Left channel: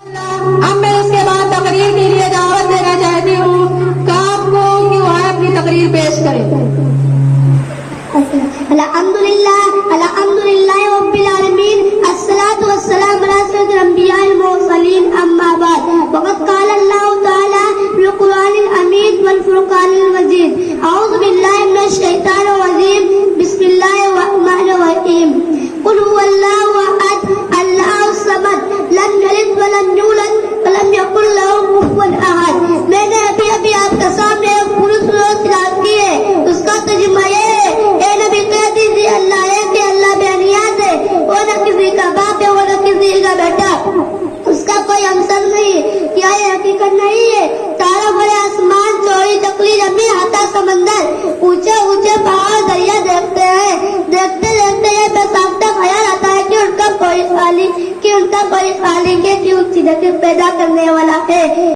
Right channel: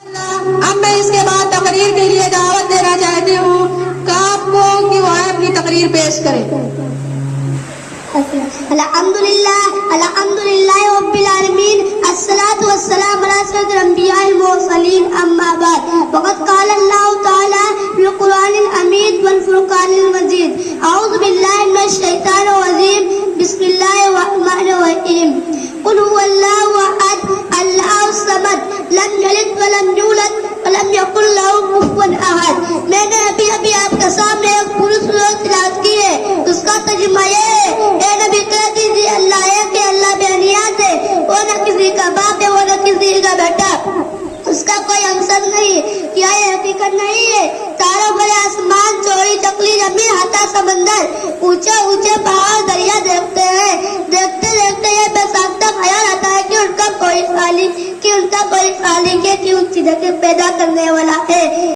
اب میں اس کے بعد تقریر کے لیے دعوت دینا چاہتی ہوں آپ کو کہ وہ اپنی تقریر پیش کریں. الحمدللہ رب العالمین الصلاۃ والسلام علی سید الانبیاء المرسلین اما بعد وقد قال اللہ تعالی فی القرآن الحمید والفرقان المجید اعوذ باللہ من الشیطان الرجیم بسم اللہ الرحمن الرحیم قل هو اللہ احد اللہ الصمد لم یلد ولم یولد ولم یکن له کفوا احد. میں نے ابھی آپ کے سامنے ایک پوری سورت تلاوت کی ہے. اس کا ترجمہ یہ ہے اے نبی کہہ دیجیے اللہ ہے کہ اللہ بے نیاز ہے، وہ نہ کسی کا باپ ہے وہ نہ کسی کا بیٹا، اس کا کوئی ہمسر نہیں. کیا یہ حقیقت نہیں ہے؟ سارا بڑے آسمان، چوڑی چکلی زمین، ہاتھا سمندر، اونچے اونچے پہاڑ دریا دیکھتے ہیں. دیکھتے دیکھتے یہ بے ساختہ خیال آتا ہے کہ ان کا کوئی خالق ہے کہ اس جگہ پیدا کرنے والا ہے.